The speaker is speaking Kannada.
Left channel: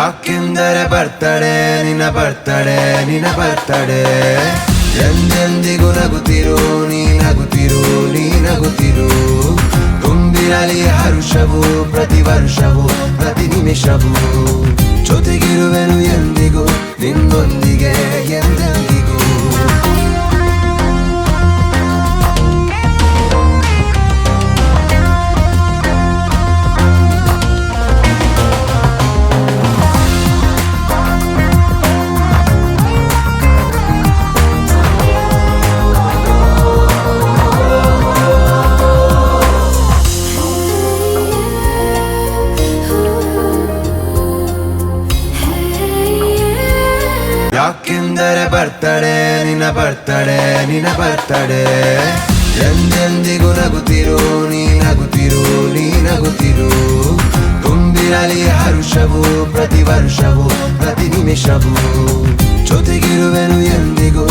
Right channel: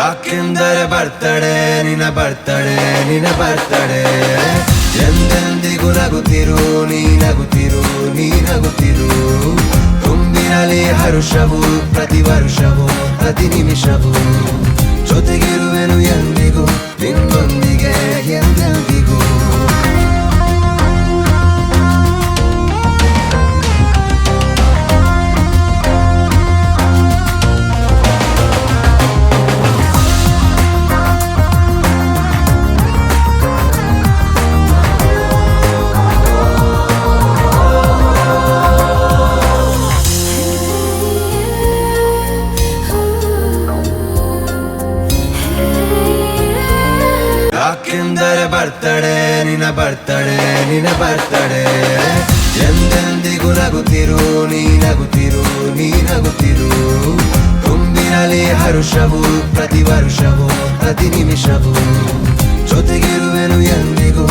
ಯಾಕೆಂದರೆ ಬರ್ತಡೆ ನಿನ್ನ ಬರ್ತಡೆ ನಿನ್ನ ಬರ್ತಡೆ ಎಂದೆಂದಿಗೂ ನಗುತ್ತಿರು ನೀ ನಗುತ್ತಿರು ನೀ ನಗುತ್ತಿರು ತುಂಬಿರಲಿ ಹರುಷವು ಪ್ರತಿ ವರ್ಷವೂ ಪ್ರತಿ ನಿಮಿಷವೂ ಜೊತೆಗಿರುವೆನು ಎಂದಿಗೂ ನಿನ್ನೊಂದಿಗೆ ಎಂದೆಂದಿಗೂ ಯಾಕೆಂದರೆ ಬರ್ತಡೆ ನಿನ್ನ ಬರ್ತಡೆ ನಿನ್ನ ಬರ್ತಡೆ ಎಂದೆಂದಿಗೂ ನಗುತ್ತಿರು ನೀ ನಗುತ್ತಿರು ನೀ ನಗುತ್ತಿರು ತುಂಬಿರಲಿ ಹರುಷವು ಪ್ರತಿ ವರ್ಷವೂ ಪ್ರತಿ ನಿಮಿಷವೂ ಜೊತೆಗಿರುವೆನು ಎಂದಿಗೂ